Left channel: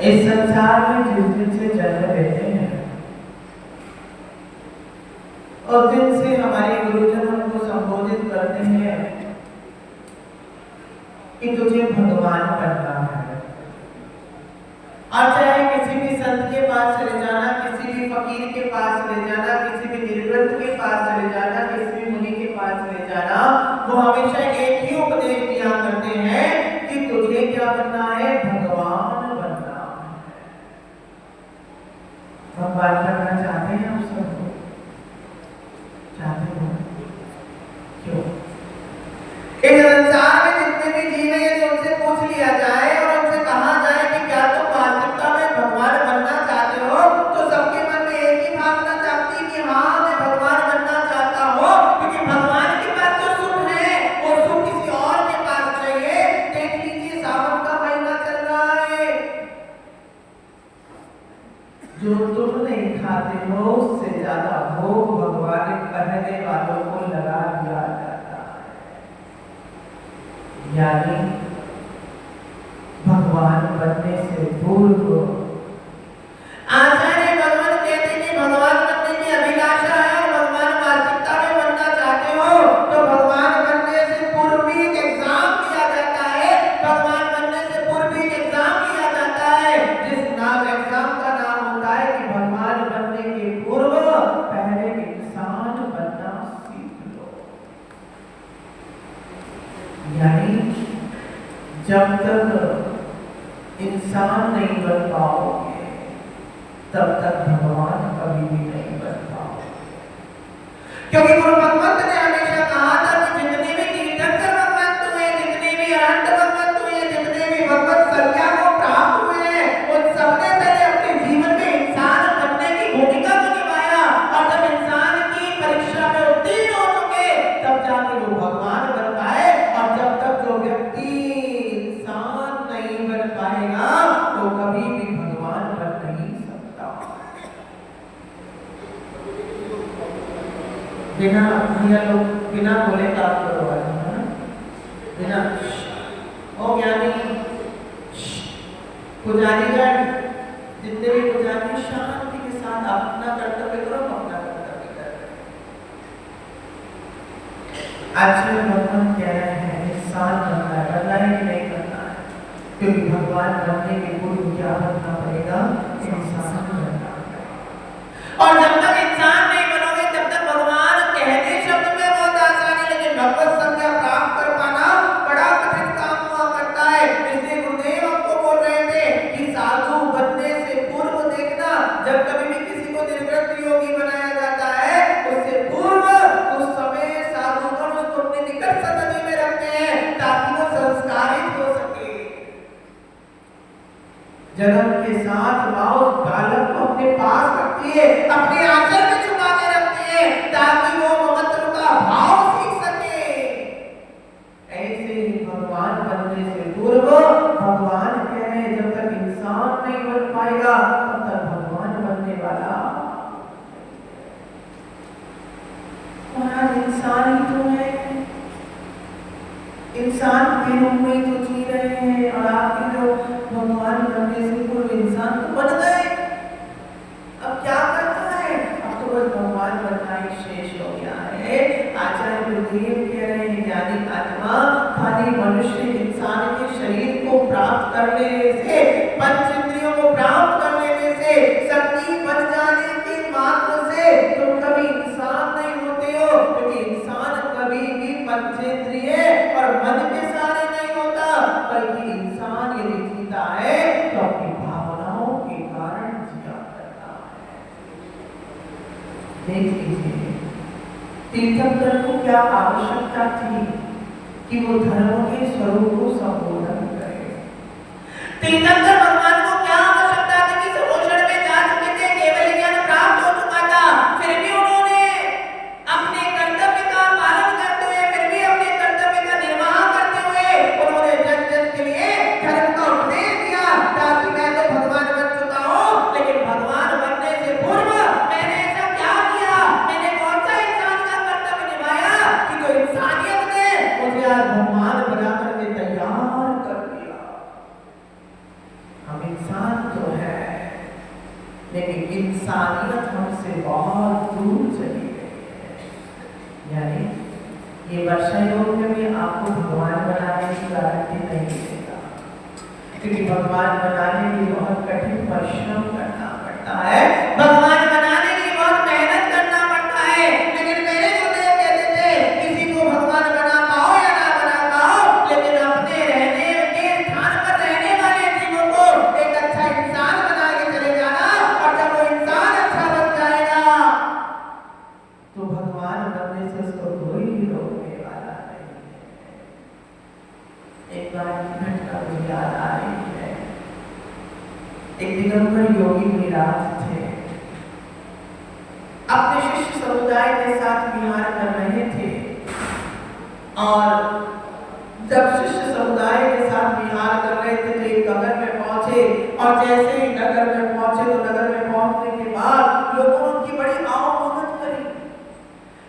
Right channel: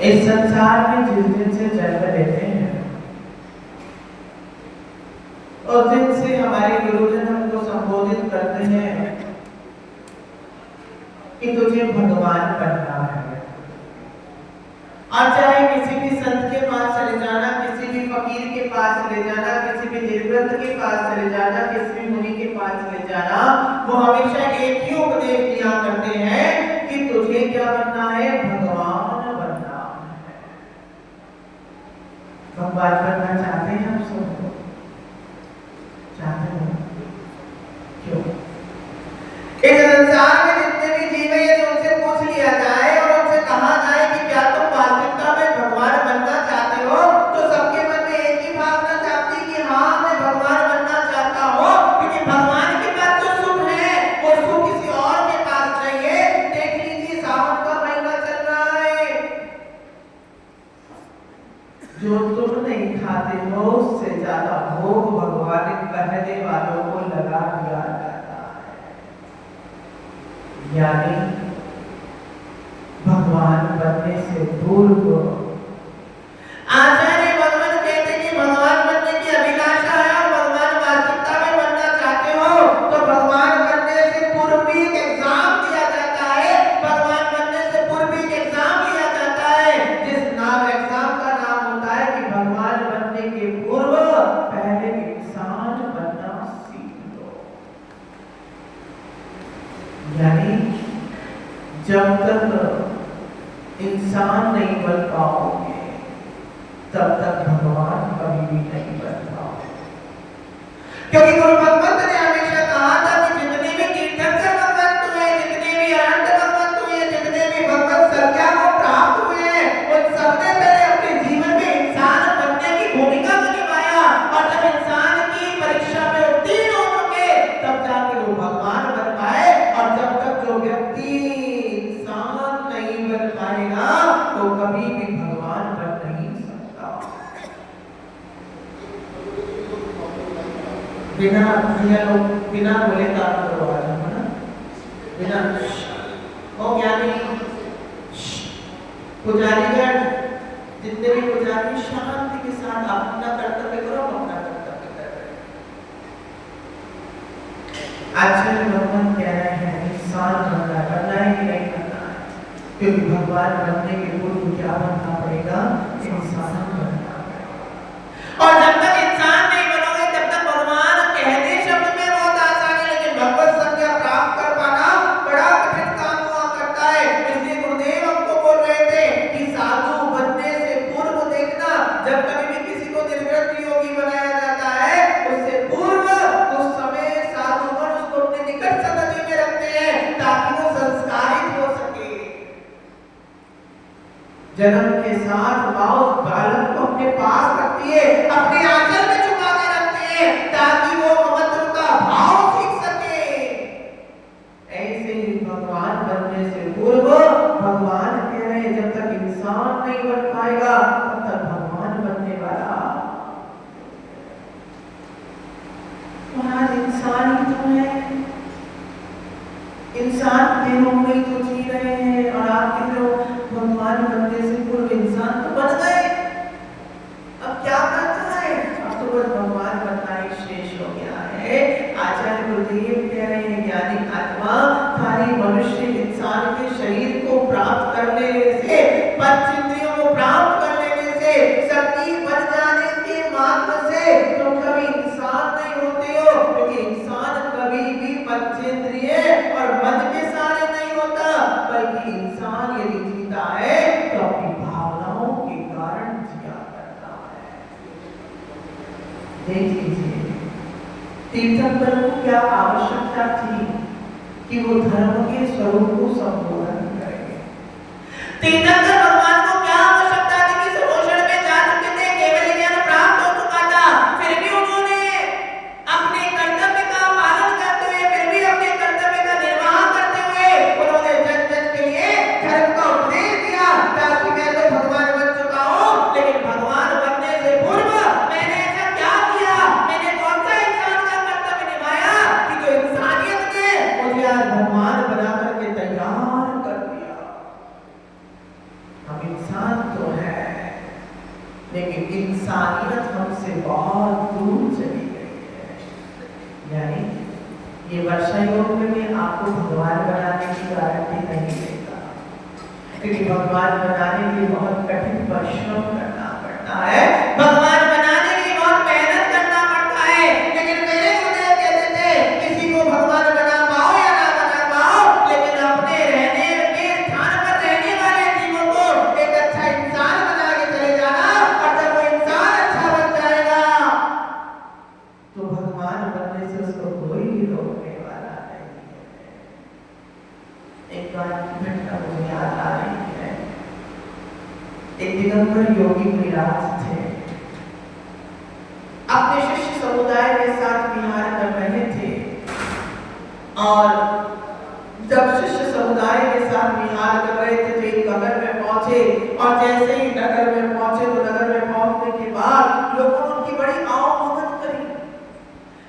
इस संसार में जिस दिन से जन्म लेते हैं और दिन से हमारे गुरुजन हमको संबोधित करते हैं कि तुझे भगवान बनना है। और चाहे किसी भी संत के पास चले जाना, किसी भी फकीर के पास चले जाना, किसी भी निर्ग्रंथ के पास चले जाना, किसी भी मुनि के पास चले जाना, वो हमेशा एक ही उपदेश दिया करते हैं कि तुझे क्या बनना है, भगवान बनना है। भगवान बनना चाहते हैं आप सब? चाहते हो? क्यों? इस संसार में जितने भी जीव हैं तो उनसे पूछ लिया जाए और उनसे कहा जाए कि क्या तुम वास्तविकता में भगवान बनना चाहते हो, तो सबके मन में एक ही भावना चाहती है कि हाँ मैं भगवान बनना चाहता हूँ, क्योंकि भगवान के पास जो सुख है वो सुख किसी और के पास चाहिए। देख लीजिए सावन का महीना चल रहा है, जो तुम नहीं खाते हो उससे ज्यादा भोग भगवान कहने वालों को लगा दिया जाता है। यानी भगवान बनने से पूर्व आचार्य भगवान कहते कि भगवान बनने की अभिलाषा है और भगवान वास्तविकता में बनना चाहते हो तो भगवान बनने से पूर्व भी एक एग्जाम दिया जाता है। भगवान बनने से पूर्व भी एक एग्जाम दिया जाता है, जिस नाम एग्जाम का नाम होता है कि भगवान बनने के पूर्व पहले इंसान बनना सीख लो। यानी जब तक इंसान नहीं बन पाओगे तब तक भगवान कभी भी नहीं बन पाओगे। क्योंकि गुरु भगवंत ने हमेशा कहा था कि जितने भी तीर्थंकर भगवंत हुए, जितने भी अरहंत भगवंत हुए, जितने भी भगवत संज्ञा को प्राप्त हुए, उन सबने पहले अपने जीवन में इंसान बनने की भूमिका को निभाया और जब इंसान की परीक्षा में उत्तीर्ण हो चुके तब जाके वो भगवान बन पाए। और जब तक जो व्यक्ति इंसान नहीं बन पाएगा तो कभी भी भगवान बन नहीं सकता। बिना बोले काम करवा रहे हैं, बिना ओ ज्ञानी पुजारीगण, जितने भी पुजारी शांति के साथ अपना कर्तव्य करो, अपना कर्तव्य करें। आचार्य भगवान कह रहे हैं इंसान बनना ही नहीं करना है, क्योंकि भगवान बनने के पूर्व क्या बनना पड़ेगा, इंसान बनना पड़ेगा। और जब तक इंसान नहीं बनोगे तब तक भगवान कहने शब्द में बहुत आसान है, लेकिन भगवत संज्ञा प्राप्त कर पाना बड़ा कठिन काम हुआ करता है। इसलिए गुरुदेव हमको बोल रहे थे कि साधु बनने से पूर्व देखना, जब कभी भी किसी को निर्ग्रंथ योगी बनाया जाता है उससे पूर्व उस समय साधुगण उसको अपने निकट संगति में रखते हैं ताकि वो संस्कारित हो सके। जन्म के साथ माँ उस बालक को अपने पास रखती है, अपने आंचल में छुपा के रखती है, ताकि वो ममत्व का भाव सीख सके। ऐसे ही भगवान बनने से पूर्व भगवान कह रहे हैं, जब तक इंसान नहीं बन पाएगा तब तक भगवान बनने वाला इंसान ही तो है। इंसान के रूप में तो जी रहे हैं, और आपके जो भगवान बनने से पूर्व इंसान तो बन गए। अब क्या करना है? अब तो बस भगवान बनना ही शेष हो गया है। आचार्य गुरुदेव कह रहे हैं, ज्ञानी आत्मा खाली मनुष्य इंसान के शरीर को प्राप्त कर लेने से, पंच इंद्रियों को प्राप्त कर लेने से, शक्ति बन जाने के मात्र से तुम कभी इंसान नहीं होते हो, क्योंकि इंसान कभी भी पंचेंद्रिय और मन के सहारे नहीं होता, बल्कि इंसान यदि जीता है तो अपनी भावनाओं के कारण जिया करता है। देख लीजिए तीर्थंकर को क्या आवश्यकता थी कि वो धर्म के स्वरूप को संबोधन करे। तीर्थंकर भगवान को क्या आवश्यकता थी कि सरोषण में जा चुके थे, केवल ज्ञान प्राप्त हो चुका था, फिर भी उन्होंने अपने कर्तव्य का पालन करते हुए, फिर भी अपने कर्तव्य का निर्वाह करते हुए उन्होंने जन जन के लिए धर्म का उपदेश दिया, ताकि मैं तो भगवान बन चुका हूँ, लेकिन भगवान बनने से पूर्व मैंने ऐसा क्या किया, मैंने कौन सा इंसान का कर्तव्य निभाया कि जो इंसानियत ने मुझे आज भगवान बना करके तैयार कर दिया। हम इंसान तो है, लेकिन इंसानियत हमसे बहुत दूर चली गई है। यानी ये वर्षा योग में भी आपको भगवान बनाने की गारंटी नहीं देगा, क्योंकि भगवान बनाने के लिए बहुत कठिन परिश्रम करना पड़ता है, भगवान बनाने के लिए बहुत मेहनत करना पड़ता है। लेकिन मेरे गुरुदेव कहते थे, किसी को भगवान बना पाओ या ना बना पाओ, लेकिन अपने रहने के स्थान पर रहने वाले जीवों को एक अच्छा इंसान बना के चले जाना, और जब वो इंसान अच्छा बन जाएगा तो भगवान बनने से उसको कोई भी रोकने वाला नहीं है। एक बार की घटना मुझे याद आ रही है। एक दिगंबर योगी मुनिराज थे, अपने शिष्य समुदाय के साथ विहार कर रहे थे, और जब शिष्य समुदाय के साथ विहार कर रहे थे तो एक नगर में पहुंचे, और जैसे ही नगर में पहुंचे तो नगर में पहुंचने के बाद लोगों ने उनकी बड़ी आवभगत करी,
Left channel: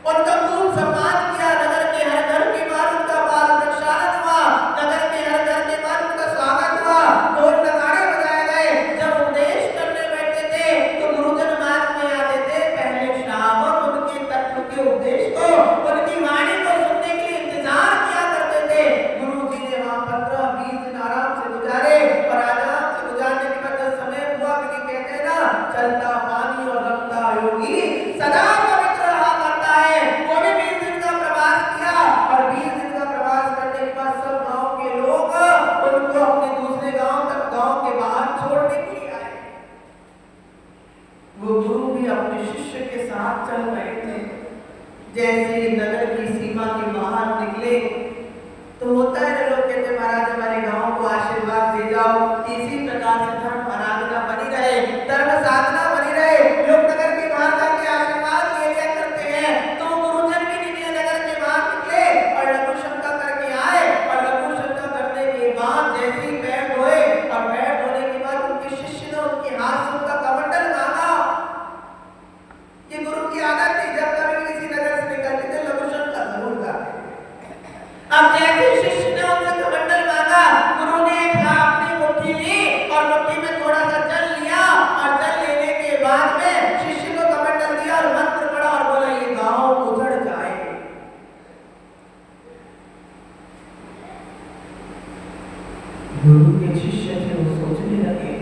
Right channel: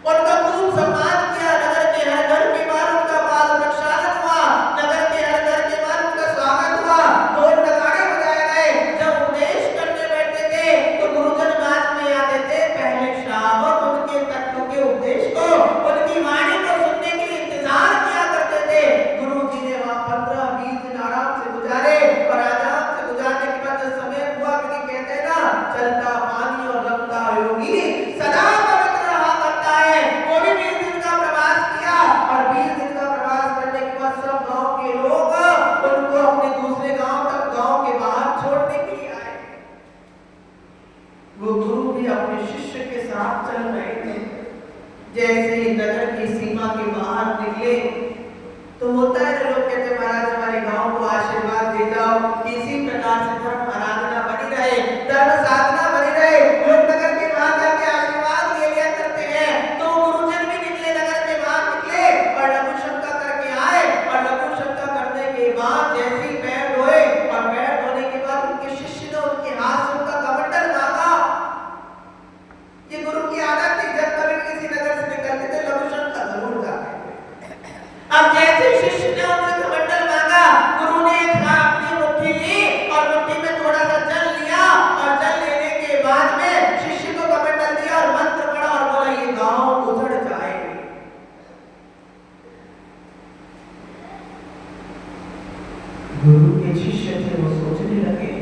उनका खूब सम्मान किया। नगर के हर घर के बाहर उनका बाल प्रक्षालन हुआ, नगर के हर घर के बाहर उनका स्वागत हुआ, ढोल नगाड़े बजाए गए। जब उपदेश करने बैठते थे तो गुरुजन मार्ग में आते थे, पहले श्रावक उनके तत्व के उपदेश को, उनकी वाणी को सुनने के लिए इंतजार किया करते थे। गुरु जी ने वहां 15-20 दिन आराम से गुजारे, और आराम से गुजारने के बाद समय हुआ, क्योंकि कहते हैं ना, चलता पानी और रंगता योगी सदा पवित्र रहा करता है। वो भी 20 दिन का प्रवास किया, और 20 दिन का प्रवास करने के बाद सब गांव के लोग उनको अपने दूसरे गांव तक, गांव के बाहर छोड़ने के लिए आए। वो गुरु भी अपने शिष्य के साथ चल रहे थे। जैसे ही नगर की सीमा के बाहर निकले तो होता है ना, लोग कहते महाराज हमारे गांव को आशीर्वाद दे जाओ, कि इसी प्रकार से धर्म आराधना बनी रहे, धर्म साधना बनी रहे। लोग नगर के बाहर जाके आशीर्वाद ले लिया करते हैं। तो गुरुजन भी निकले, नगर के बाहर निकले और लघु शंका करके आए, और लघु शंका करने के बाद जैसे ही पैर धोए, और पैर धोने के बाद उनके शिष्य ने उनके हाथ से उनका कमंडल मांगा। ये गुरु की आदत थी, जब कभी किसी नगर से निकलते थे लघु शंका जरूर करते थे। अब जैसे शिष्य ने उनसे कमंडल मांगा, गुरु ने अपनी मुट्ठी ली और मुट्ठी में थोड़ा सा जल लिया, और जल लेने के बाद में शिष्य को कमंडल दिया और मंत्र पढ़ा और बोला, ये गांव उजड़ जाए। गुरु के शिष्य थे, वो सोचने लगे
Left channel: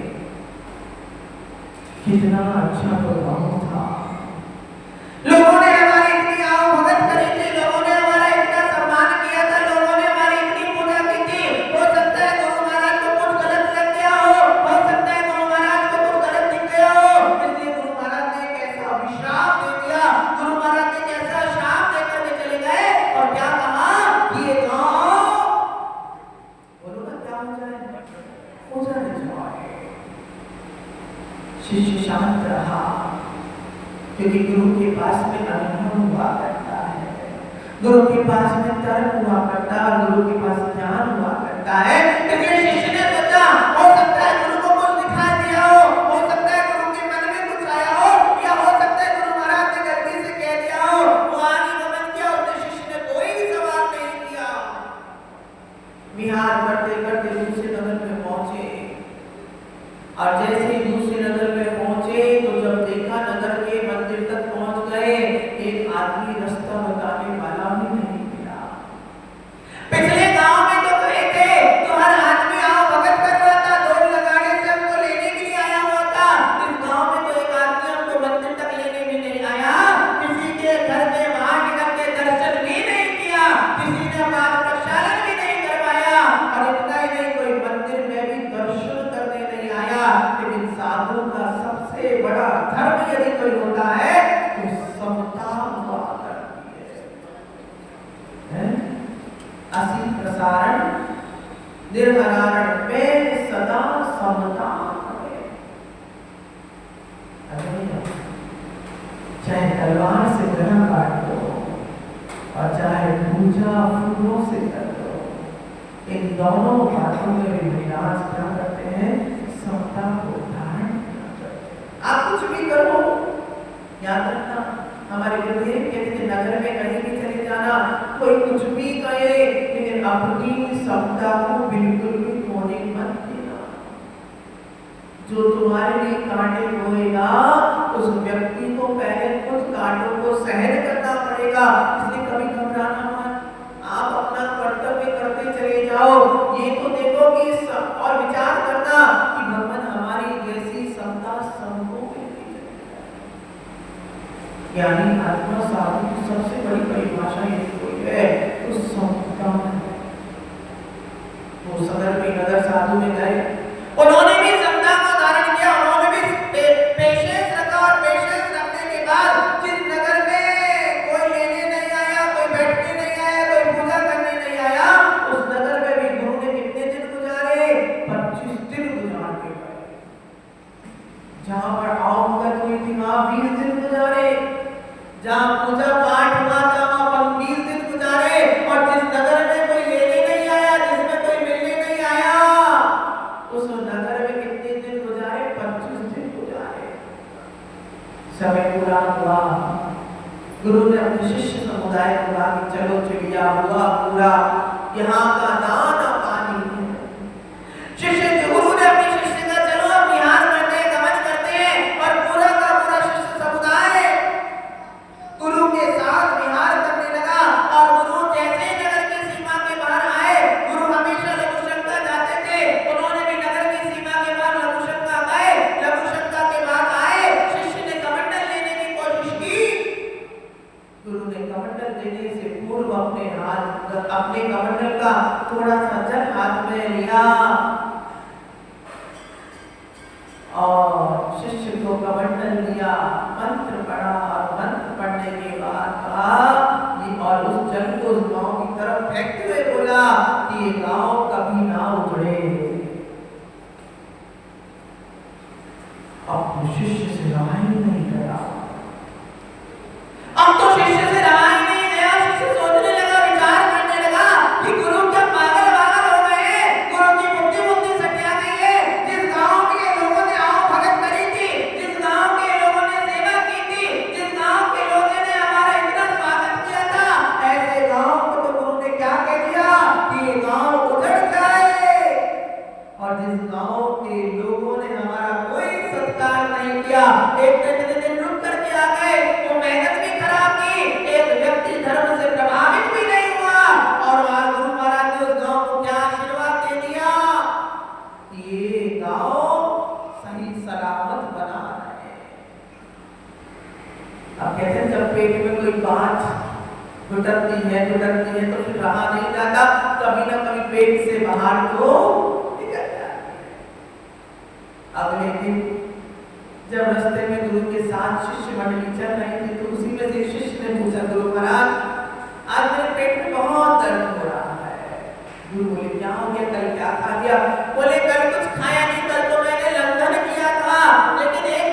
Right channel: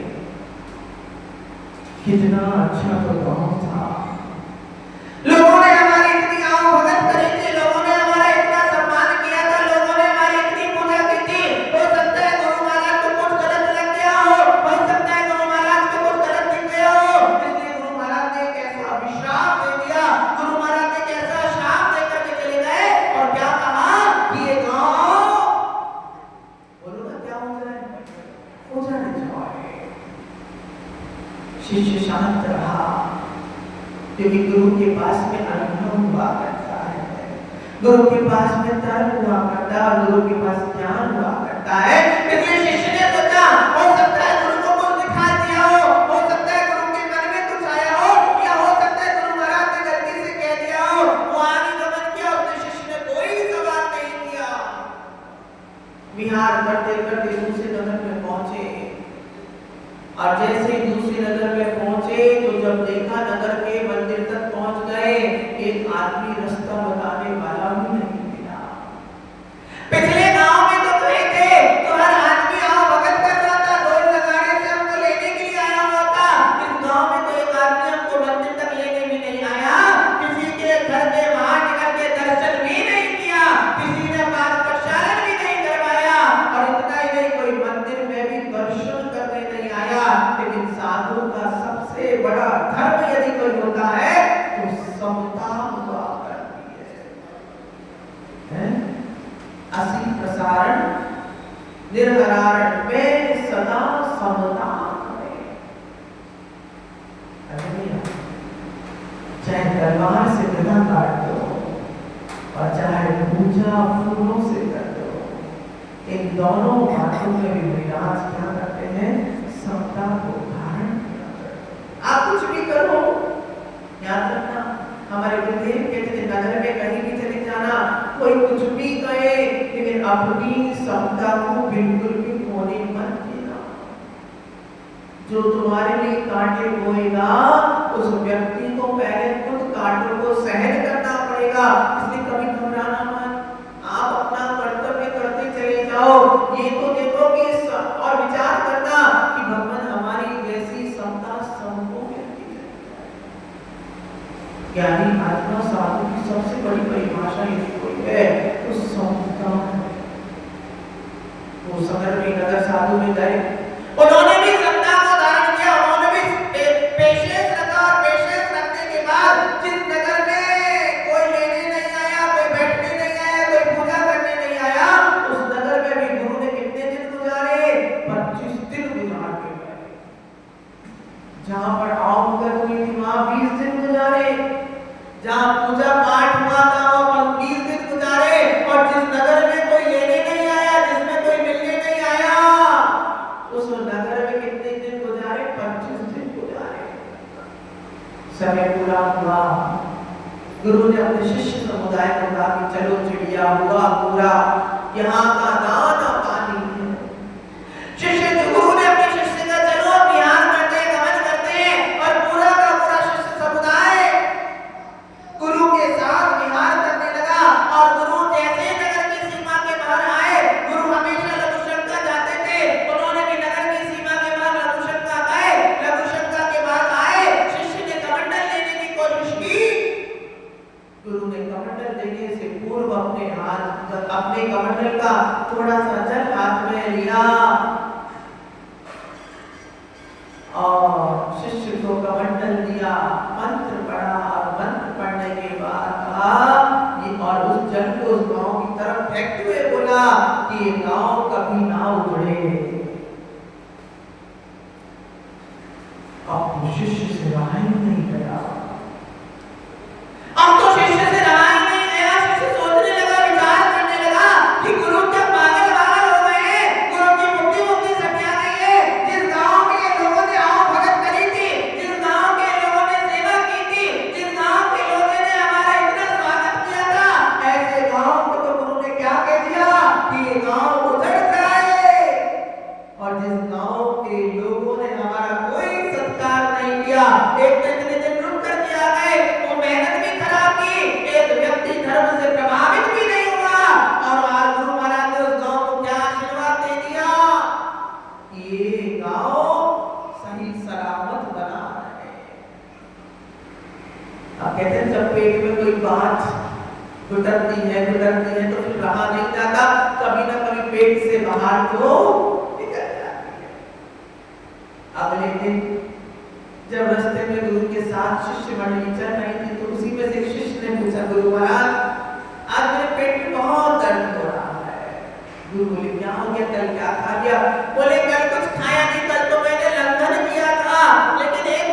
कितना अच्छा तो गांव था, लोगों ने हमारी इतनी आवभगत करी थी, लोगों ने हमारा इतना सम्मान किया था, लोगों ने हमारी इतनी पूजा की थी। हो सकता है गुरु महाराज को कुछ गलत लग गया हो सकता है गुरु महाराज को कुछ गलत दिख गया हो, इसलिए गुरु महाराज ने एक ऐसा अभिशाप दे दिया। गुरु महाराज ने एक ऐसा शाप देकर के चले गए, और क्या कहा कि ये गांव, बोलो ना क्या हो जाए, हो जाए। शिष्य शांत रहा, क्योंकि गुरु के पास में अनुभव हुआ करता है, गुरु के पास में तर्क हुआ करता है, गुरु के पास ज्ञान हुआ करता है। इसलिए शिष्य ने सोचा, हो सकता है गुरु को कुछ दिखा दिया हो सकता है गुरु के मन में कुछ आया हो, या हो सकता है गुरु महाराज ने गलती से कह दिया हो। वो आगे गमन किया, उसने शिष्य ने कोई सवाल नहीं किया। विहार करते करते दूसरे नगर में पहुंचे, और जैसे ही दूसरे नगर में पहुंचे तो जब देखा नगर के मंदिर तक पहुंच गए, एक आदमी रास्ता बताने वाला भी नहीं मिला। पिछले गांव में तो गए थे तो हर आदमी आओ भगत कर रहा था, ढोल लगाने से हमको लेने के लिए आया हुआ था। इस गांव में तो एक आदमी हमको मंदिर तक लेने भी नहीं आया, किसी के घर के बाहर निकल के दर्शन भी नहीं किया, किसी ने पाद प्रक्षालन भी नहीं करवाया, और इतना ही नहीं कोई मंदिर में भी दर्शन करने नहीं आया। लेकिन साधु का सबसे बड़ा धर्म यदि कोई होता है तो समता हुआ करती है। असि प्रसारण निर्हरण में सदा समता है। चाहे तलवार से गला काट दो और चाहे पूजा फूलों से कर दो, इन दोनों बातों में भी विराज क्या करते हैं, समता को धारण किया। आप कुछ भी करो, याद रखना हमारे गुरुदेव कहते थे, नगर में कहीं भी चले जाना, कोई कुछ भी कहे, लेकिन अपनी समता को बिल्कुल भी खोने मत देना। जो तुम्हारे लिए कांटे बोएगा उस व्यक्ति को पहले खुद कांटों को सहन करना पड़ेगा। इसलिए कभी घबराना मत, आप अपना कर्तव्य करते चले जाओ। ये तो देखो कि और विचार करना कि भगवान हमारी जैसी समता सबको मिलती है। यानी आत्मा साधु की सबसे बड़ी परिभाषा यही कोई है तो समता है। वो समर में नगर साधु में गए, उन्होंने भी समता को धारण किया, उन्होंने भी पेशेंस रखा, और पेशेंस रखने के बाद जिस नगर में कोई लेने नहीं आया, कोई बैठने नहीं आया, कोई पूजा करने नहीं आया, उस नगर में भी गुरु ने कितने दिन गुजारे, 25 दिन गुजार के गए। जहां पर आवभगत हुई थी वहां 20 दिन गुजारे, जहां पूजा पाठ हुआ था वहां 20 दिन गुजारे, और जिस नगर में कोई लेने नहीं आया, जिसमें कोई मिलने नहीं आया, उस नगर में कितने दिन गुजारे, 25 दिन गुजारे। समय पूरा हुआ, गुरु ने अपने शिष्य समुदाय को कहा कि चलो चिड़िया हुआ पूरा, यहाँ का दाना पानी है। शिष्य गुरु ने अपने शिष्य से कहा चलो अब विहार करते हैं, गमन करते हैं, और पूरा का पूरा शिष्य समुदाय गुरु के साथ विहार करने लगा। और गुरु जैसे नगर की सीमा के बाहर आए, गुरु हमेशा लघुशंका जाते थे, उन्होंने भी नगर की सीमा के बाहर लघुशंका गए, लघुशंका के बाद आए, शिष्य ने कमंडल लेने की कोशिश की। गुरु ने कमंडल देने से पूर्व अपने कमंडल का थोड़ा सा जल हाथ में लिया और शिष्य को कमंडल दिया, मंत्र पढ़ा, और मंत्र पढ़ने के बाद कहा ये, और उस जल को उस गांव की तरफ फेंकते हुए बोला कि ये गांव कभी ना उजड़े। अब तो शिष्य से रहा ही नहीं गया, अब तो शिष्य से रहा ही नहीं गया। शिष्य सोचने लगा, विचार करने लगा कि गुरु क्या पागल हो गए हैं, गुरु की बुद्धि सटिया गई है। जिस गांव के लोगों ने आओ भगत करी थी, जिस गांव के लोगों ने सेवा की थी, जिस गांव के लोगों ने हमारा इतना स्वागत किया था, ऐसे गांव को तो गुरु ने क्या कह दिया कि ये गांव उजड़ जाए। और जिस गांव के लोगों ने हमारा कोई सत्कार नहीं किया, एक दिन रुक करके आ गए, वो मेहनत भी खराब की, एक व्यक्ति धर्म से प्रभावित भी नहीं हुआ, और आज गुरु महाराज ने उस गांव को क्या आशीर्वाद दे दिया, ये गांव सही सलामत बना है। अब कहते हैं जब पेट में कोई बात घुटकती है तो फिर रहा नहीं जाता, कभी ना कभी पेट से बाहर तो निकल जाती है। अगले दिन जब रास्ते में गुरु के साथ शिष्य मंडली चल रही थी, तो उसी में से एक शिष्य ने पूछा, गुरु महाराज आज मेरे पेट में बहुत दर्द हो रहा है। गुरु बोले क्या हो गया, कल क्या खा लिया? बोले कल कुछ खाया नहीं, कल तो मैंने लंघन किया था, लेकिन एक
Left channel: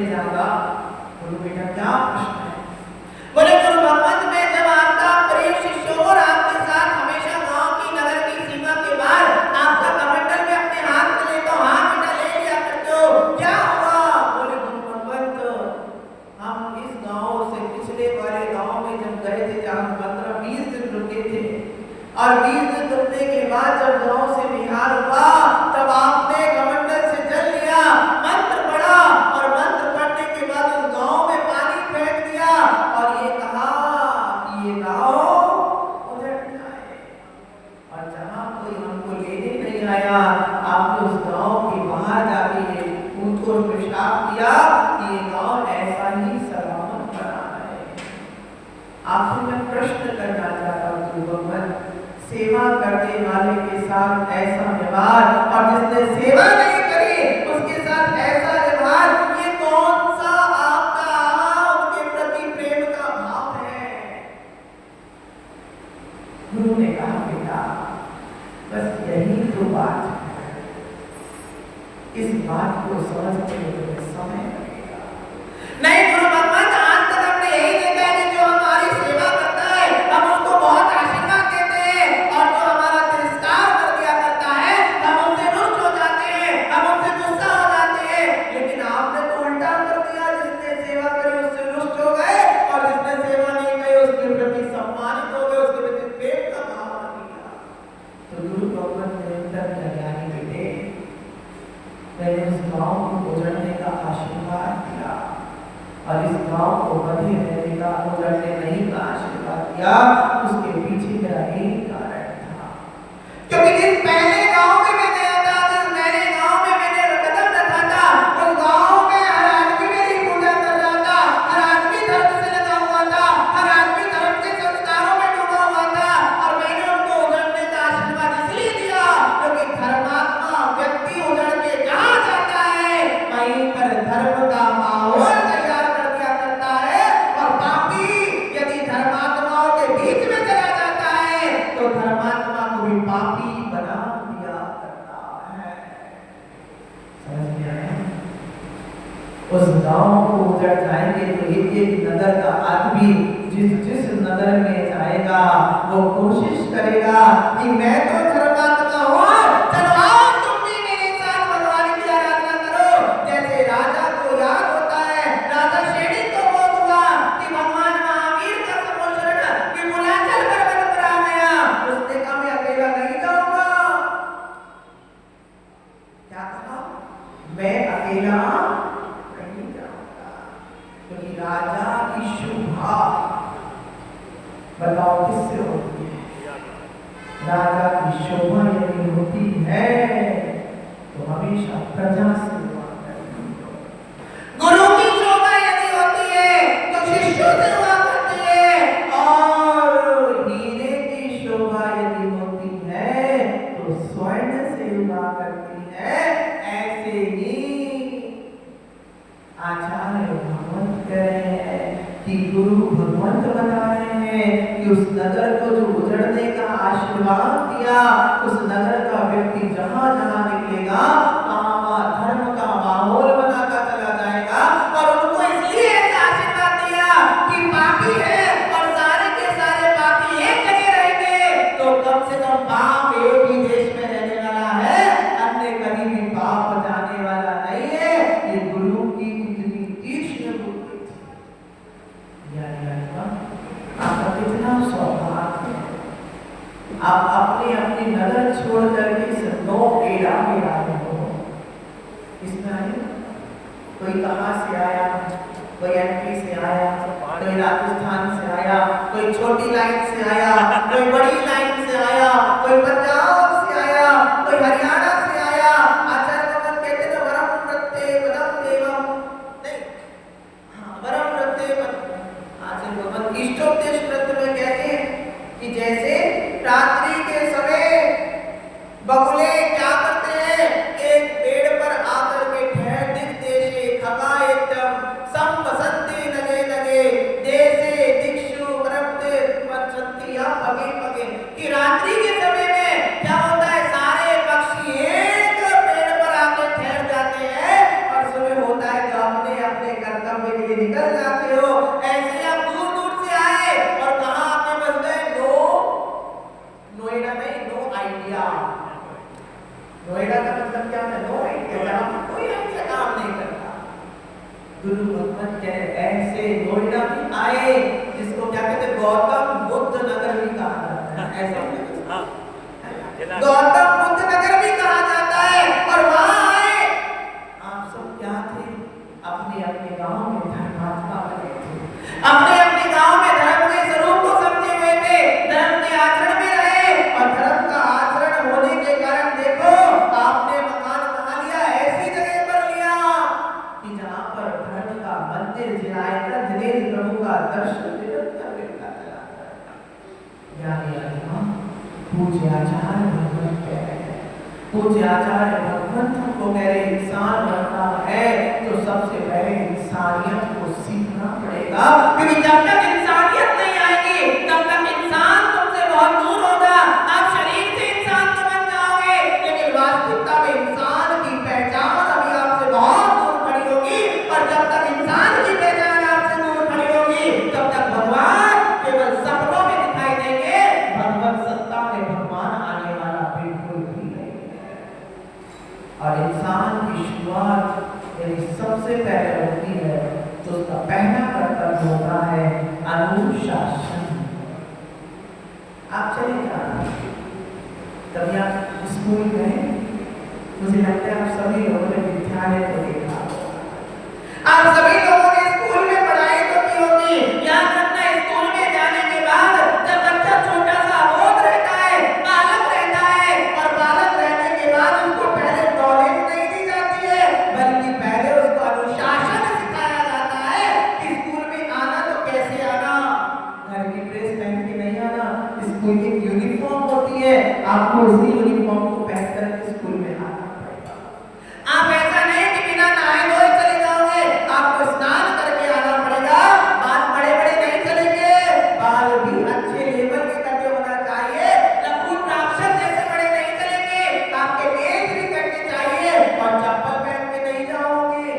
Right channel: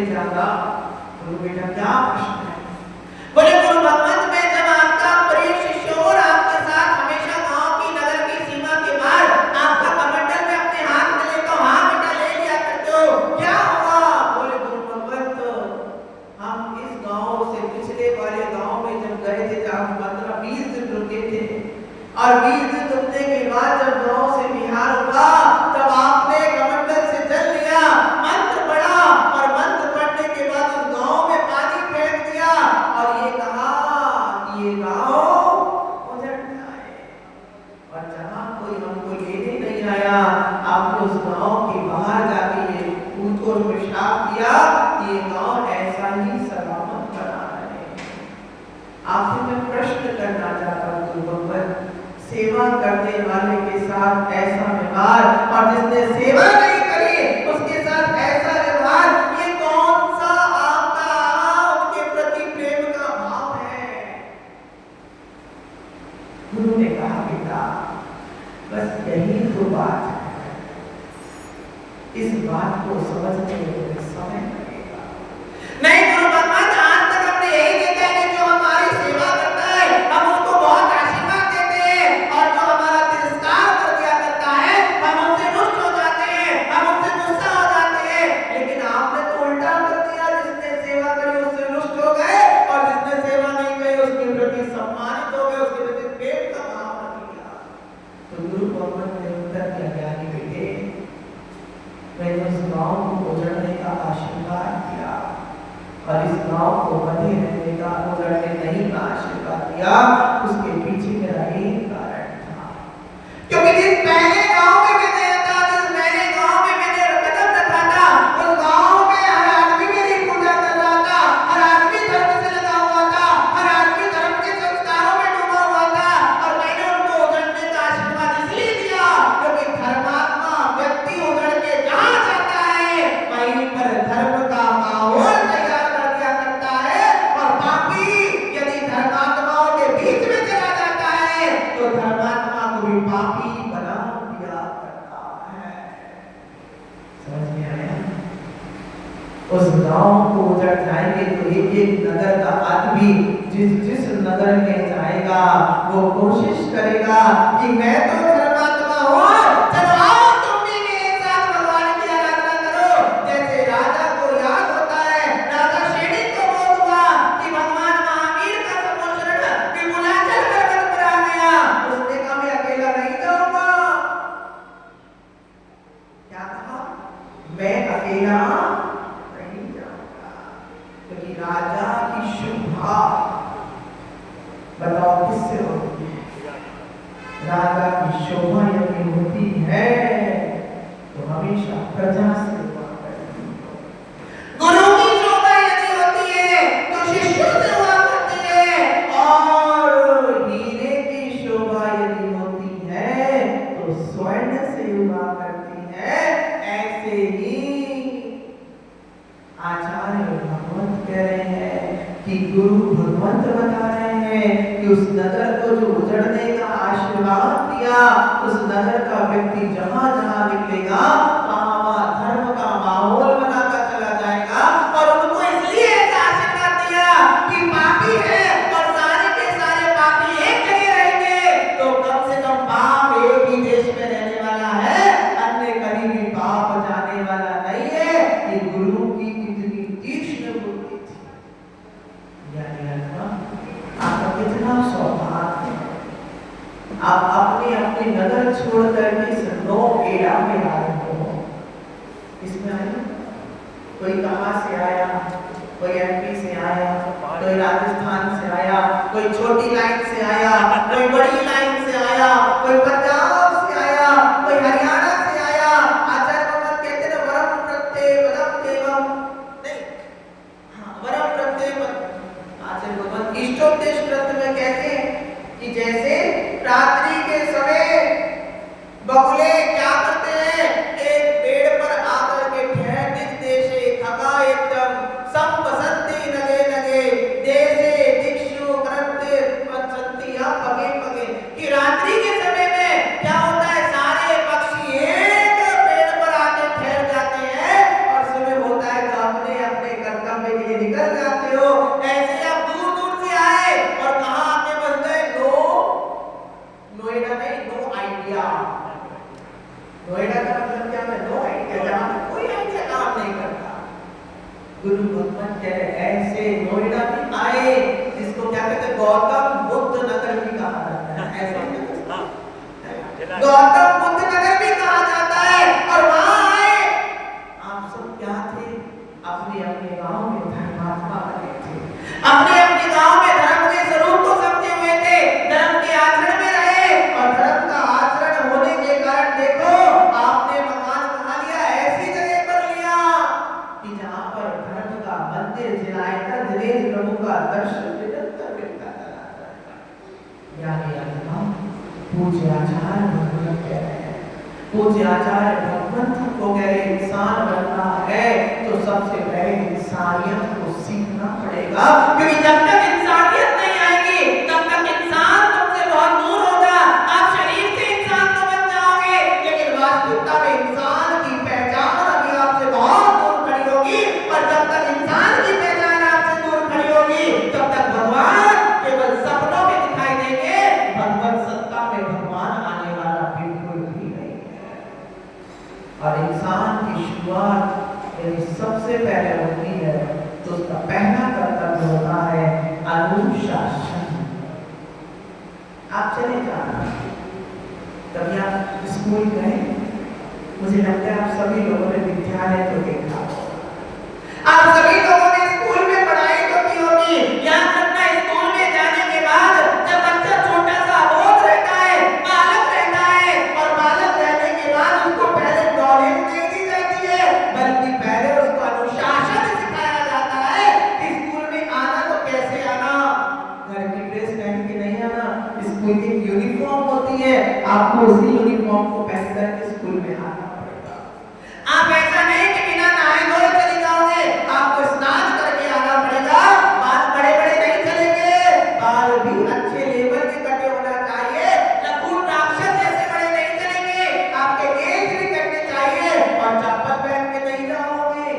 पूछने जागा, गुरु बेटा क्या प्रश्न है? बोले गुरु भगवंत, मैं जब आपका प्रिय शिष्य और आपके साथ हमेशा गांव की नगर की सीमा के बाहर आपका कमंडल में अपने हाथ में लेता हूँ, हाँ बेटा ले लिया करते हो, क्या हुआ? बोले गुरु भगवंत, हम इस गांव से पिछले वाले गांव में जब गए थे जहाँ 15-20 दिन रुके थे, और 20 दिन रुकने के बाद जब गांव से बिहार हुआ तब आपने कमंडल से जल लिया, मंत्र पढ़ा और मंत्र पढ़ने के बाद उस गांव में पानी फेंक दिया और ये कहा कि ये गांव उजड़ जाए। और जहां कोई हमको लेने नहीं आया, आपने उस गांव के बाहर जाके ये पूछ और पेशाब किया कि ये गांव ऐसा ही सलामत बना है। आपसे मैं प्रश्न करना चाहता हूँ गुरु भगवंत, सेवा करने वाले के साथ ऐसा व्यवहार और जिसने सेवा नहीं करी उसके साथ ऐसा व्यवहार, ये कौन सा आपका उनके प्रति प्रेम का भाव है? गुरु ने कहा बेटा बस यही तो बात है, इस बात को समझने में समय लगेगा। नहीं गुरु भगवान, आज तक हमने यही देखा है कि जो हमारी सेवा करता है हम उसको बहुत आशीर्वाद देते हैं, और जो हमारा तिरस्कार कर दिया करता है हम उससे रुष्ट हो जाते हैं, हम उससे गुस्सा हो जाते हैं। लेकिन आपने तो उल्टा कर दिया, जिसने सेवा करी उससे रुष्ट हो गए और जिसने सेवा नहीं करी उसके प्रति सम्मानित हो गए, उसके प्रति प्रेम का भाव रख लिया। तो गुरु भगवान ने उत्तर क्या दिया? बेटे मैंने उस गांव को उजड़ने का आशीर्वाद दिया और इस गांव को बने रहने का, उजड़ने नहीं का आशीर्वाद दिया। उसके पीछे मेरा एक कारण था, क्योंकि जिस पहले गांव में मैं गया था, जिस पहले गांव में मैंने कदम रखा था, उस गांव में हर आदमी मेरी पूजा कर रहा था, हर आदमी धर्म से लगा हुआ था, हर आदमी धर्म के संस्कारों में डूबा हुआ था। और मैंने उनको उजड़ने का आशीर्वाद इसलिए दिया क्योंकि धर्मात्मा व्यक्ति उजड़ के जहां जाता है वहीं पर धर्म का माहौल तैयार कर दिया करता है, और पापी यदि धर्मात्माओं के बीच में चला जाता है तो धर्मात्मा को भी पापी बना दिया करता है। समझ में आया? उस गांव को उजड़ जाएंगे तो एक एक नगर का आदमी जिस जिस नगर में जाएगा वो कोशिश करेगा कि मैं तो धर्मात्मा हूँ, चलो आओ तुम भी मेरे साथ भगवान की आराधना करो। जैसे राजा को याद होता है, राजा शेडी को बोध हुआ कि भगवान महावीर का समुद्र विपुलाचल पर्वत पर आ गया, उसने कहा मैं अकेला नहीं जाऊंगा। क्या कहा? मैं अकेला नहीं जाऊंगा, क्योंकि राजा की शोभा बताओ किससे होती है? राजा की शोभा यदि होती है तो हमेशा प्रजा से हुआ करती है। गुरु की शोभा यदि होती है तो शिष्यों से हुआ करती है, और हीरे की शोभा यदि होती है तो स्वर्ण से हुआ करती है। ऐसे ही आचार्य भगवंत कह रहे हैं कि गुरु भगवंत बता रहे हैं कि उस नगर को जो उजड़ने का आशीर्वाद दिया, उस नगर का व्यक्ति जहां जहां निकलेगा वहां धर्म का माहौल बनाता चला जाएगा। और उनको इसलिए ऐसा आशीर्वाद दिया कि पापी है और सारे के सारे पापी एक जगह रहेंगे तो कम से कम पाप एक ही देश में रहने वाला है, अन्य कहीं भी पाप जाने वाला नहीं है। ये गुरु की कितनी तीक्ष्ण बुद्धि थी। यानी आपका कितना सौभाग्य है, आप अपनी अपनी नगर छोड़ करके सन्नो एड़ा में आए हो। इसमें आए कोई कहाँ से आया, कोई एमपी से आया, कोई राजस्थान से आया, कोई छोटी लाइन से आया, कोई बड़ी लाइन से आया, कोई पंजाब से आया, कोई हरियाणा से आया। आचार्य भगवत कहते हैं वरम प्रत्यय पदम देवम, नहीं हाँ वरम प्रत्यय पद। आचार्य भगवत इष्टोपदेश ग्रंथ में कहते हैं कि जैसे रात्रि के समय बगुले क्या करते हैं, एक पेड़ पर आकर के ठहर दिख देशे खगा एकदम संपसंति नगे नगे देशे दिक्षु करप्ते पंचंति या नोएडा में आए, जिसको क्या कहते हैं गौतम बुद्ध नगर भी कहा जाता है, ऐसे गौतम बुद्ध नगर भी कहा जाता है, और वहां आए, आप सब क्या थे, अपने अपने गांव में धर्मात्मा बने थे, अपने अपने गांव में धर्म के स्वरूप को समझे हुए थे, धर्म के आचरण में रहे, और धर्म का आचरण होने के कारण देखो आपने मकान कहाँ लिया, ऐसी जगह पर लिया कि जहां पर धर्म का मंदिर जिलाएगा, दिनेश प्रभु का दर्शन निरंतर मिलता चला जाता। पूज्य आचार्य भगवंत कह रहे हैं, पूज्य आचार्य भगवंत को कह रहे इंसान बनना है तो सबसे पहले इंसानियत को सीखना पड़ेगा, क्योंकि जब तक इंसानियत नहीं आएगी तब तक इंसान तुमसे बहुत दूर होगा। आप शरीर से इंसान तो बन जाओगे, लेकिन वास्तविकता में इंसान की पहचान अभी आपसे बहुत दूर खड़ी होगी, और जब तक इंसान की पहचान आपसे दूर खड़ी होगी तब तक भगवान केवल सपनों में दिखाई देंगे, भगवत सत्ता में भगवान आने वाला बिल्कुल भी नहीं है। और इंसान की शुरुआत यदि सबसे पहले होती है तो उसका पहला कर्तव्य होता है अनुशासन। आप चले जाना, कभी आप स्कूल गए, मुझे लगता है आप सभी लोगों ने विद्यालय तो देखा, आप सभी लोगों ने स्कूल में पढ़ाई तो की होगी। याद रखना, स्कूल में जाने के बाद जब बच्चा छोटा सा अबोध रहता है, बालक रहता है, और बालक रहने के बाद उसको पहले नॉलेज नहीं दी जाती है, बल्कि पहले उसको अनुशासन सिखाया जाता है। स्कूल में आना तो कैसे आना, घर की ड्रेस पहन के नहीं आना, स्कूल की यूनिफॉर्म होती है, आपको उसी यूनिफॉर्म को पहन कर स्कूल में आना पड़ेगा। आप ऐसा नहीं कि बिना नहाए धोए चले जाओगे, आपको स्नान करके आना पड़ेगा। बाल बड़े बड़े नहीं चलेंगे, बाल भी अच्छे लेवल के कटे होना चाहिए, लखून राक्षस जैसे बड़े नहीं चलेंगे, आपके केस भी कटने चाहिए, और चप्पल पहन के नहीं जाओगे,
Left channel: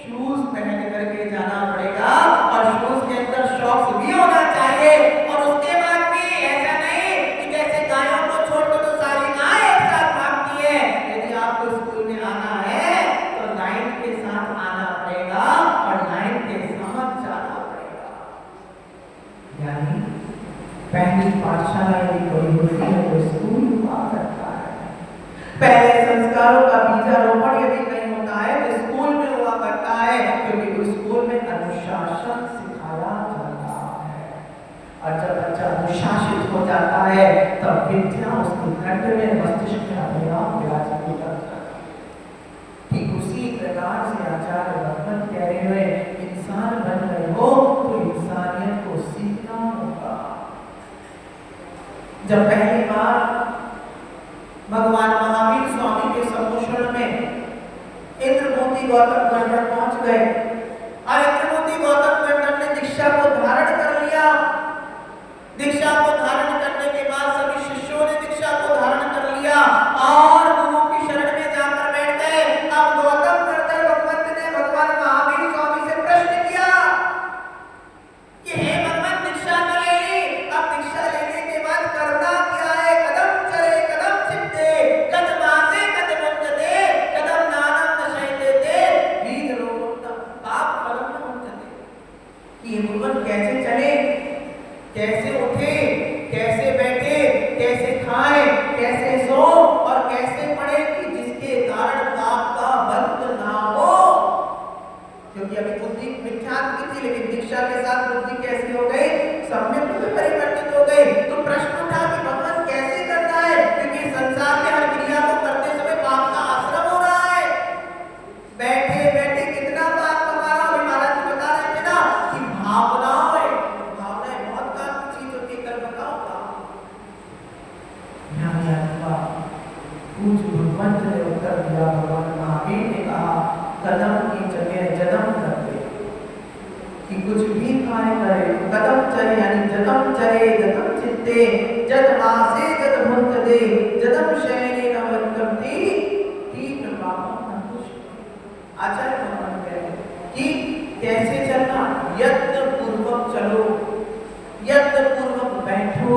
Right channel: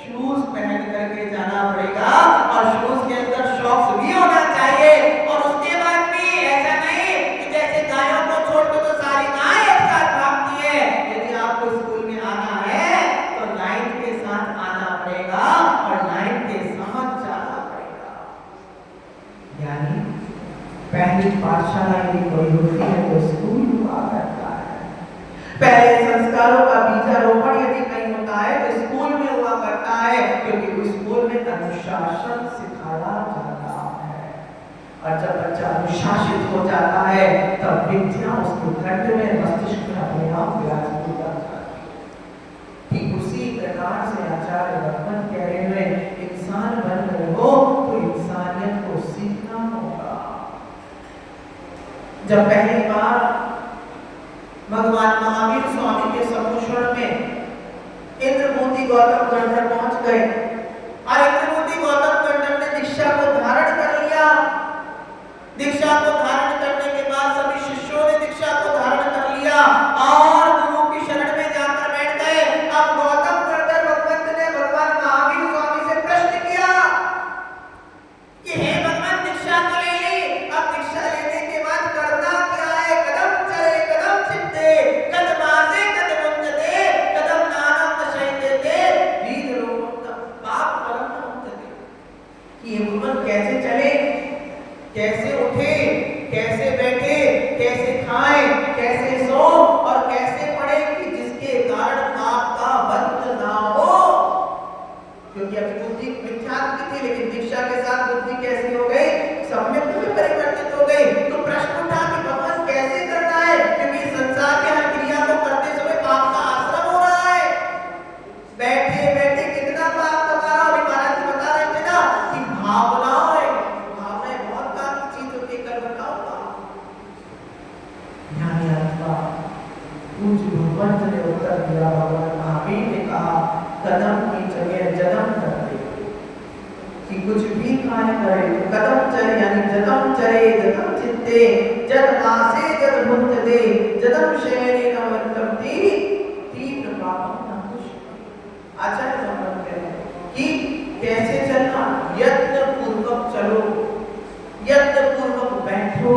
शूज पहन करके जाना पड़ेगा, और शूज के अंदर सॉक्स भी होना चाहिए। और उसके बाद भी ऐसा नहीं कि जैसे गायों को छोड़ दो तो सारी गाय एक साथ भागती है। यदि आपको स्कूल में आना है तो लाइन के साथ आना पड़ेगा, और लाइन के साथ जाना पड़ेगा। यानी पहली पाठशाला यदि कोई होती है तो स्कूल हुआ करता है, पहले संस्कारों का बीजारोपण यदि कहीं होता है तो स्कूल में हुआ करता है, क्योंकि उस स्कूल में अनुशासन सिखाया जाता है। और जब बच्चा अनुशासित हो जाता है तब विद्या उसके कंठ में, मस्तिष्क में अपने आप विराजमान हो जाता है। ठीक उसी प्रकार से आचार्य भगवंत कह रहे हुए इंसान बन रहे हो तो इंसानियत को सीखना होगा। जब पहली बार भगवान महावीर स्वामी के सम्मुखरण में इंद्रमोती गौतम गंधर्व पहुंच गए, और इंद्रमोती गौतम गंधर्व ने दीक्षा को धारण कर लिया। दीक्षा को धारण करने के बाद सभी शिष्यों ने दीक्षा को धारण कर लिया और गुरु की शरण में जाकर बैठ गए। अब गौतम गंधर्व भगवंत ने भगवान महावीर स्वामी से प्रश्न किया कि हे भगवान, दीक्षा तो ले ली, अब दीक्षा लेने के बाद करना क्या है? कदम चले कदम चित्ते, कदम आसे कदम उन्नते, कदम नानम नशयते ते, बीज रोगम पाप फलम मुक्तते। कि ये भगवान कैसे चले, कैसे उठे, कैसे बैठे, कैसे खाए, कैसे सो, और कैसे पढ़े कि जिसके कारण पाप का बंध ना हो। क्योंकि अभी बुद्धि मिथ्यात्व की थी, लेकिन दीक्षा के साथ बुद्धि कैसी हो गई, सम्यक में परिवर्तित हो गई। तो प्रश्न उठा कि भगवान कैसे करना है, क्योंकि संसार में हर क्रिया को करते समय पाप का आश्रम हो रहा है। बैठे बैठे कितना पाप कमाना, अभी महाराज जी बता रहे थे ना कि भावनाएं बहुत काम की चीज होती है, कल बताऊंगा। यानी अथवा पूज्य भगवंत ने उत्तर दिया, भगवान महावीर ने कहा कदम की जगह जदम कर दे, कि कुछ भी कार्य करे तो कदम चले, यानी जदम चले गदम चित्ते, जद मासे जद भुंत दे, जदम शयने नवंतम ती, तीव्र पापम न कुछ। आचार्य भगवंत कहते हैं कि कैसे चलना, यत्न पूर्वक चलो, यत्न पूर्वक बैठो,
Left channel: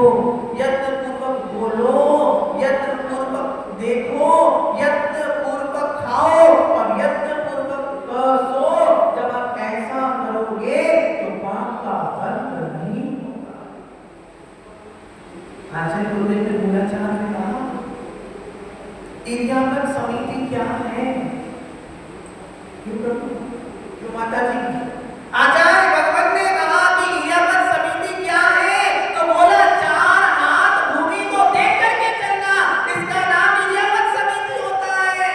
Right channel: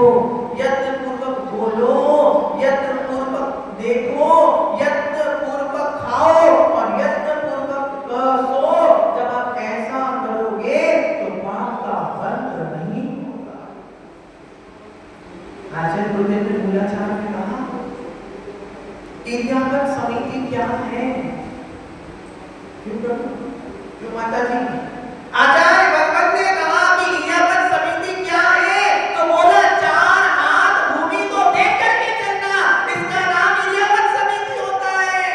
यत्न पूर्वक बोलो, यत्न पूर्वक देखो, यत्न पूर्वक खाओ, और यत्न पूर्वक सो। जब आप ऐसा करोगे तो आचार्य गुरुदेव ने मूलाचार्य ने कहा इर्यापद समिति क्या है? क्यों प्रभु, क्यों माता जी? आचार्य भगवत ने कहा कि इर्यापद समिति क्या है? तो बोला 4 हाथ भूमि को देख करके चलना, इसका नाम इर्यापद समिति होता है।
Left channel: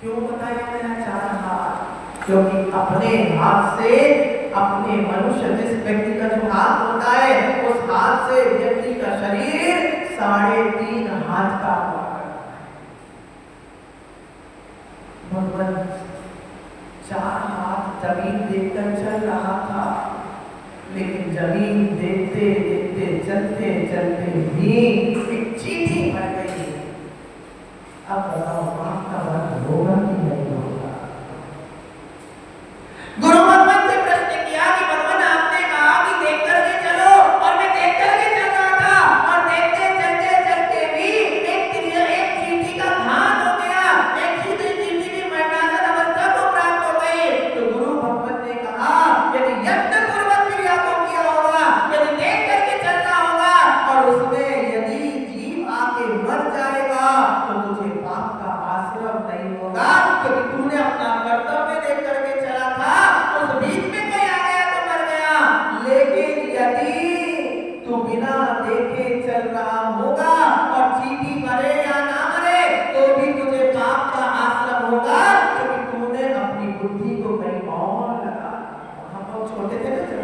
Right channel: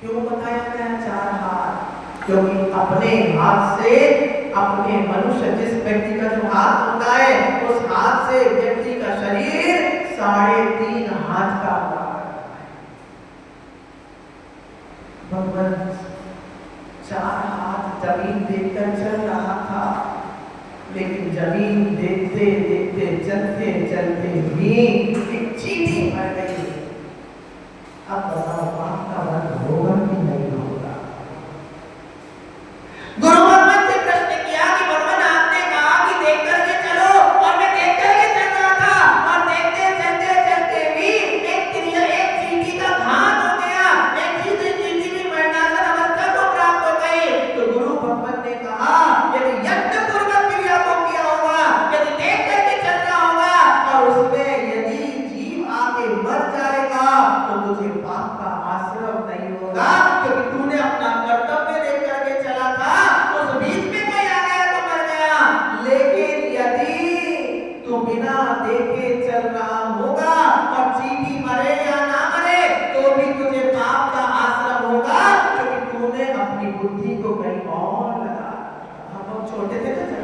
क्यों बताया गया 4 हाथ? क्योंकि अपने हाथ से, अपने मनुष्य जिस व्यक्ति का जो हाथ होता है, उस हाथ से व्यक्ति का शरीर 3.5 हाथ का हुआ करता है। भगवान 4 हाथ जमीन देखकर चल रहा था, लेकिन जमीन देखते देखते चलते चलते भी एक चींटी मर गई। अब बताओ आपका वध होगा कि नहीं होगा? गुरु भगवान से प्रश्न किया कि भगवान आपने कहा कि देख करके चलो, और मैं देख करके चल रहा था, और देखते चलते चलते भी एक चींटी का घात हो गया, एक चींटी भी मरणासन अवस्था को प्राप्त हो गई। तो गुरु भगवान ने कहा यदि यज्ञ पूर्वक क्रिया को किया होगा, यदि देख करके चलना होगा, और उसमें यदि जीव आके मर जाएगा तो तुझे पाप का आश्रय नहीं होगा, क्योंकि तूने अपना कर्तव्य देख करके चला था। उस बीच में कोई आ गया तो मर गया, लेकिन यदि तू बिना देखे चल रहा होगा और चींटी मरे या ना मरे तो भी तुझे पाप का आश्रय होगा, क्योंकि तूने अपनी बुद्धि को कहीं और लगा। हम लोग छोटे थे ना जब,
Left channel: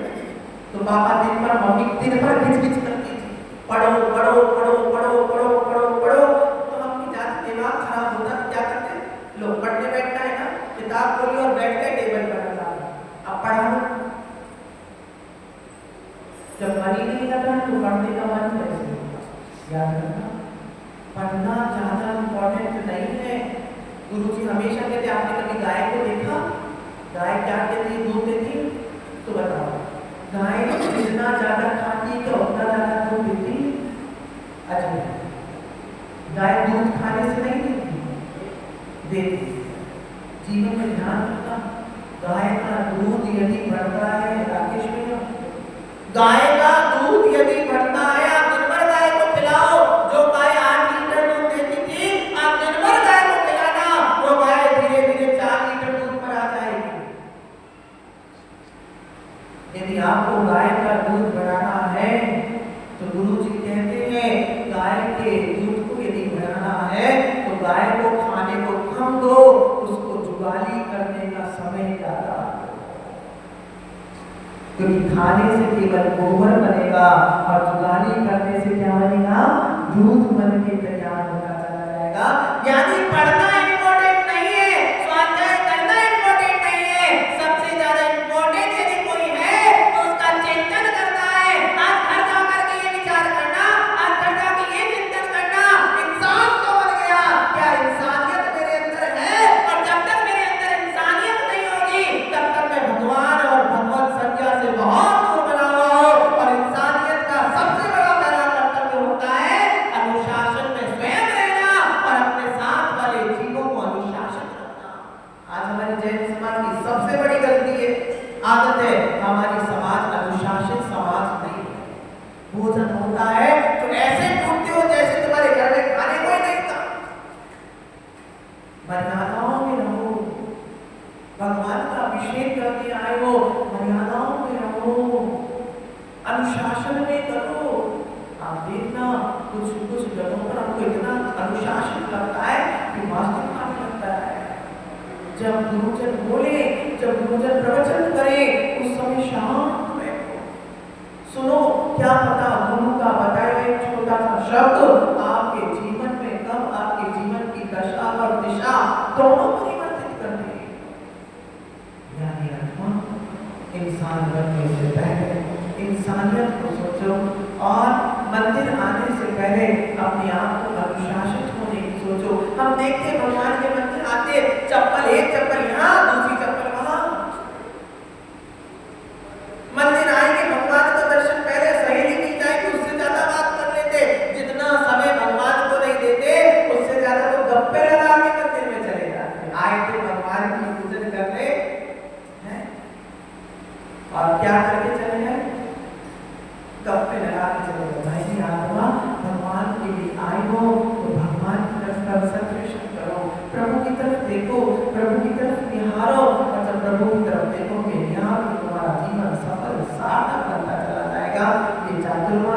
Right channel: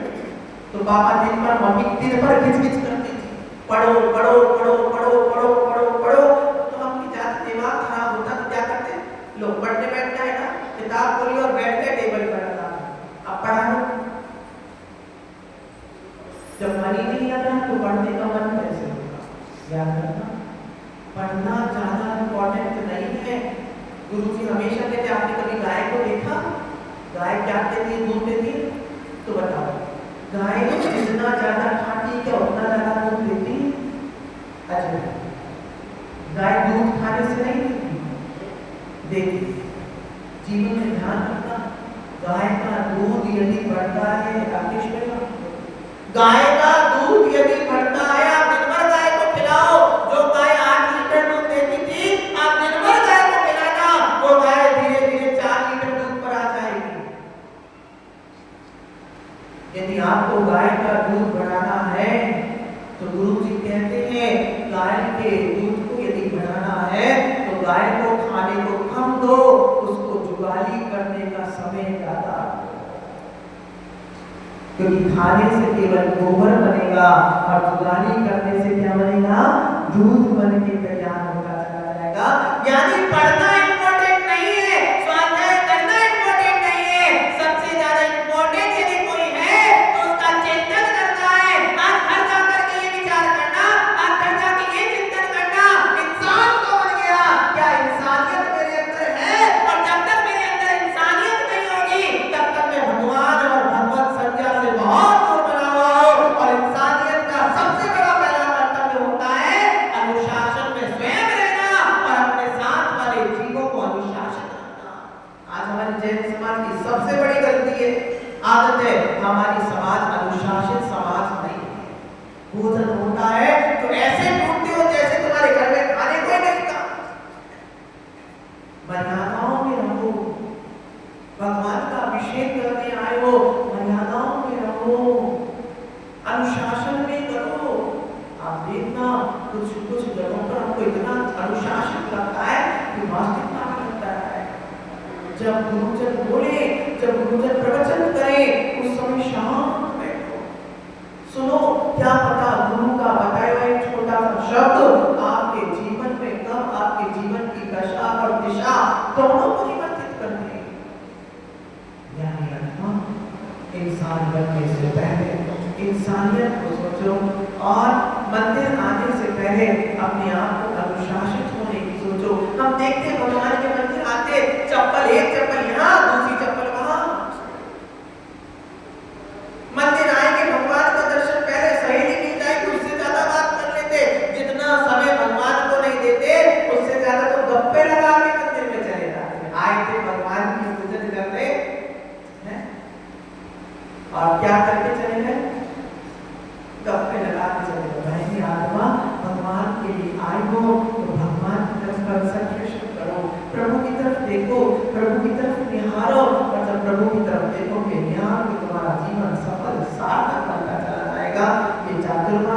तो पापा दिन भर मम्मी दिन भर खिच करती थी, पढ़ो पढ़ो पढ़ो पढ़ो पढ़ो पढ़ो पढ़ो। तो हम ज्यादा दिमाग खराब होता तो क्या करते, लोग पढ़ने बैठना है ना, किताब खोली और बैठ गए टेबल पर लगा, अब पढ़ा लो। जब मन ही नहीं आता तो पढ़ने का मन कैसे होगा? याद रखना, पढ़ना ज्यादा इम्पोर्टेंट नहीं है। गुरुजी हमेशा कहते, आपने कभी गाय को देखा? गाय क्या कहती है? दूध देती है? तो बताओ, गाय जितना ज्यादा खाती क्या उतना ज्यादा दूध देती? अच्छा, गाय दूध खाने से नहीं देती, देती। जीवन में ध्यान रखना, गाय का दूध यदि बढ़ता है, राकेश में गाय का दूध यदि बढ़ता है, आप दिन भर गाय को खिलाओ। जो गाय 8 लीटर दूध देती थी, आप दिन भर गाय को खिलाना, वो गाय धीरे धीरे 4 लीटर दूध पर आ जाएगी। यदि आपको गाय का दूध बढ़ाना है तो गुरुजी कहते हैं गाय के दूध को यदि बढ़ाना है तो गाय को खाने को कम दो, उसको जुगाली करने का समय ज्यादा, क्योंकि खाने से केवल गोबर बनेगा और जुगाली करने से क्या बनेगा? दूध बन के तैयार होता चला जाएगा। यानी पढ़ना इंपॉर्टेंट नहीं है, स्वाध्याय करना इंपॉर्टेंट नहीं है, सबसे ज्यादा इंपॉर्टेंट यदि कोई है तो उसका चिंतन करना है। आज घर जा करके ये विचार करना, आज घर जाके ये चिंतन करना, इंसान तो बन गया, क्या इंसानियत मेरे अंदर है? और जब तक मेरे अंदर इंसानियत नहीं होगी तब तक मैं भगवान और भगवत संज्ञा से बहुत दूर बना हुआ हूं। और इंसानियत का सबसे बड़ा पहला कर्तव्य होता है अनुशासन में स्वयं रहना और अपने साथ वाले जीवों को अनुशासित रखना। आज हमारी जैन समाज की सबसे बड़ी गलती है, आदत है, हमारी समाज अनुशासित समाज नहीं है। भोजन होता है तो ऐसे टूटते हो जैसे तुम्हारे घर में खाने को ही नहीं था। मर्यादाओं में रहो, भगवान का अभिषेक करके आए हो, मर्यादाओं में रहो, अनुशासन में करो। आप देखना कुछ कुछ जगहों पर हमको इतना अनुशासित लगता है कि वास्तविकता में लगता है। जब गुरुजन बोले, जब गुरुजन प्रवचन करे, उस समय शांत बैठो, सुनो। क्या पता गुरु का बताया एक छोटा सा शब्द आपके जीवन में कब आपके जीवन की दशा और दिशा दोनों परिवर्तित कर दे। इंसान बनने से पहले इंसानियत को सोचो, और मंदिर आने से पहले अपने आप को अनुशासित होने की सोचो। हम देखते भगवान के मंदिर आते, चप्पल एक चप्पल यहाँ, दूसरी चप्पल वहां। मंदिर आएंगे, भगवान का दर्शन पहले सहेली मिल जाएगी, उससे ज्यादा बात कर लेते। जितना समय भगवान को नहीं देते उससे ज्यादा तो गप्पे लगा के मंदिर में चले जाते। आए थे भगवान की पूजन करने और क्या करके चले गए? गप्पे लगा के चले गए।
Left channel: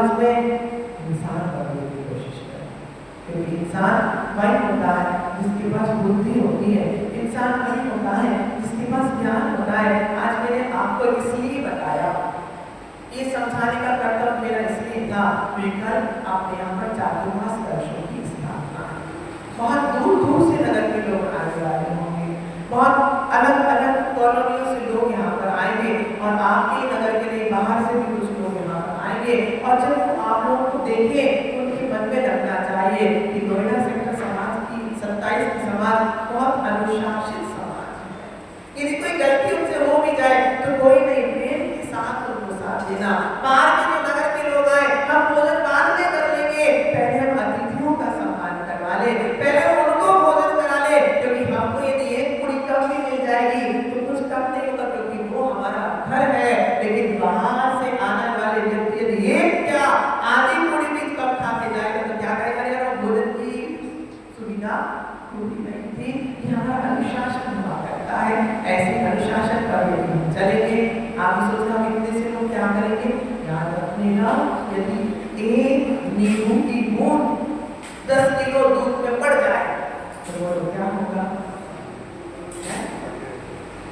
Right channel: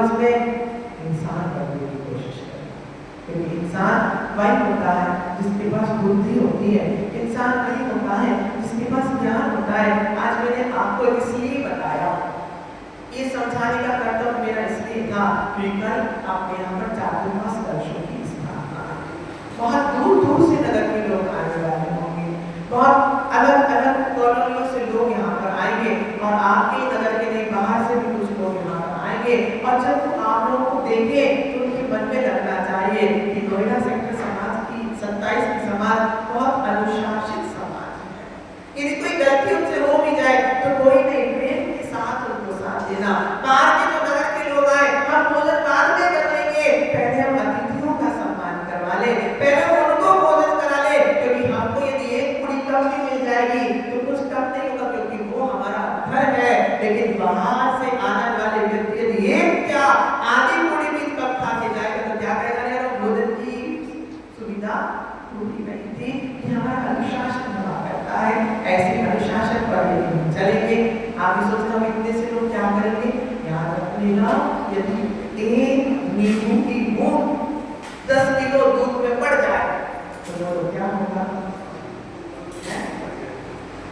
समाज में इंसान बनने की कोशिश करें, क्योंकि इंसान वही होता है जिसके पास बुद्धि होती है, इंसान वही होता है जिसके पास ज्ञान होता है। आज मैंने आपको इसलिए बताया, ये समझाने का कर्तव्य मेरा इसलिए था कि कल आपके यहाँ पर चातुर्मास कलशों की स्थापना है। बहुत दूर दूर से नगर के लोग आने वाले होंगे, बहुत अलग अलग कॉलोनियों से लोग यहाँ पर आएंगे और आपके नगर के लिए बाहर से भी कुछ लोग यहाँ पर आएंगे। और जब वो आप लोगों को देखे तो उनके मन में लगना चाहिए कि नोएडा सेक्टर समाज की 27 की समाज बहुत अनुशासित समाज है। यदि कोई गलती उनसे हो भी जाए तो कोई नहीं, प्रेम के साथ उनको साथ देना। बाहर के जो नगर के लोग आए, हम भोजन बाद में कर लेंगे, पहले हम अतिथियों का सम्मान करवा ले, पहले उनको भोजन करा ले, क्योंकि हमको यदि एक पूरी कम भी मिल जाएगी तो कुछ कम नहीं होगा, क्योंकि वो हमारा घर है। लेकिन बाहर से आने वाले व्यक्ति यदि एक क्या आधी पूरी भी कम खा के जाएगा तो क्या कहेगा, यार भोजन की सुविधा पूरी नहीं थी। ये हमारा अनुशासन हुआ करता है। ऐसे अनुशासन पर यदि हम चलेंगे, आप भी सोचना हम इतने से लोग क्या करेंगे, याद रखिएगा, यदि एक नींबू की बूंद 10 किलो दूध में पड़ जाए तो वो तो क्या होगा,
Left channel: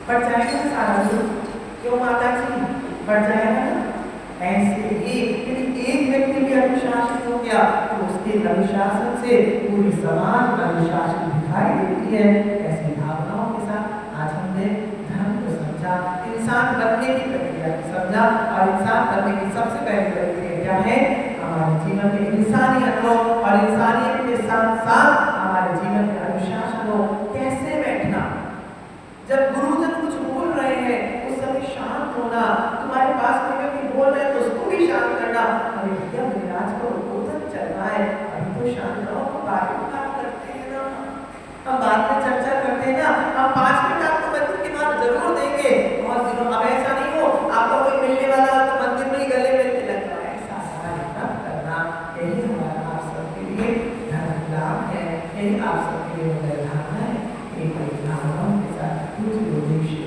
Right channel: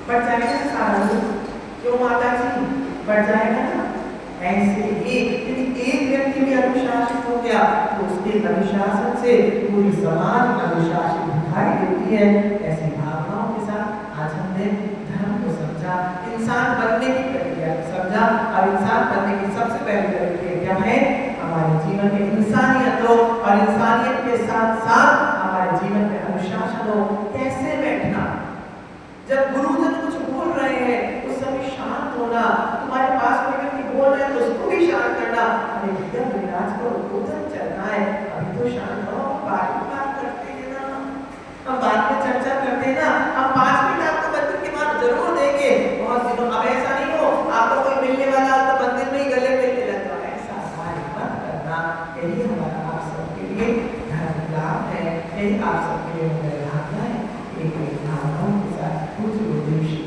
बढ़ जाएगा ना सारा दूध, क्यों माता जी, बढ़ जाएगा ना। ऐसे ही यदि एक व्यक्ति भी अनुशासित हो गया तो उसके अनुशासन से पूरी समाज अनुशासित दिखाई देती है। ऐसी भावनाओं के साथ आज हमने धर्म को समझा, इंसान बनने की प्रक्रिया को समझा, और इंसान बनने की सबसे पहली प्रक्रिया क्या है, हमारे जीवन में इंसानियत हो, और इंसानियत के साथ साथ हमारे जीवन में अनुशासन हो। कैसे बैठना, जब गुरुजन कुछ बोल रहे हैं उस समय शांत होना, तुम्हारे पास कोई व्यक्ति बोल रहे हैं तो उसको भी शांत करना। अरे भैया विराज को भोजन चल रहा है, अभी तो शांत रहो, हम बाद में बात करते हैं ना, हम बाद में चर्चा करते हैं ना, हम 5 मिनट आपको मंदिर के बाद जरूर देंगे बहुत दिनों। अब ऐसा नहीं हो आपको कोई मिलने वाला हो तो मंदिर में ही गले मिलने लगता है, ऐसा मत करना। यही हमारा आप सबके लिए धर्म लाभ है, यही आप सबके लिए लाभ है। एक भावनाओं के साथ कुछ उद्देश्य